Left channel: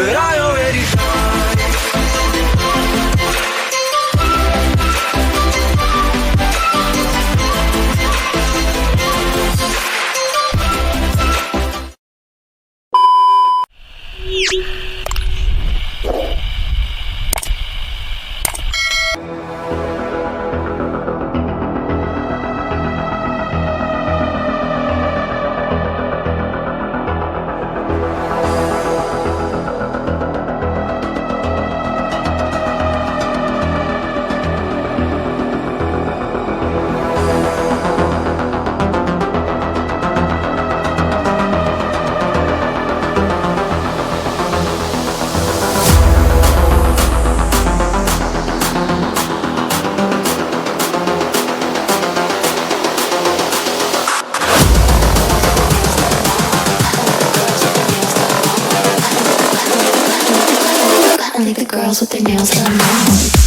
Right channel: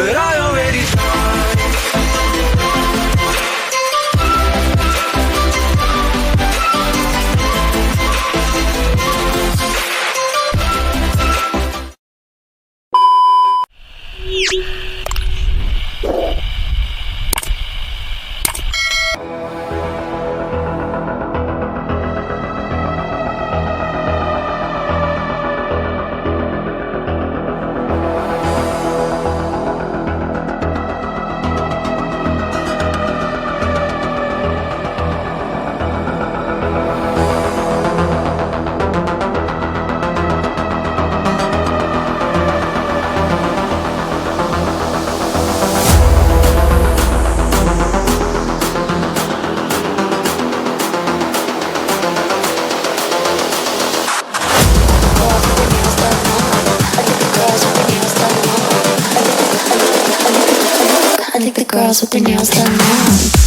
but I already tried. I think the girls with their nails done now.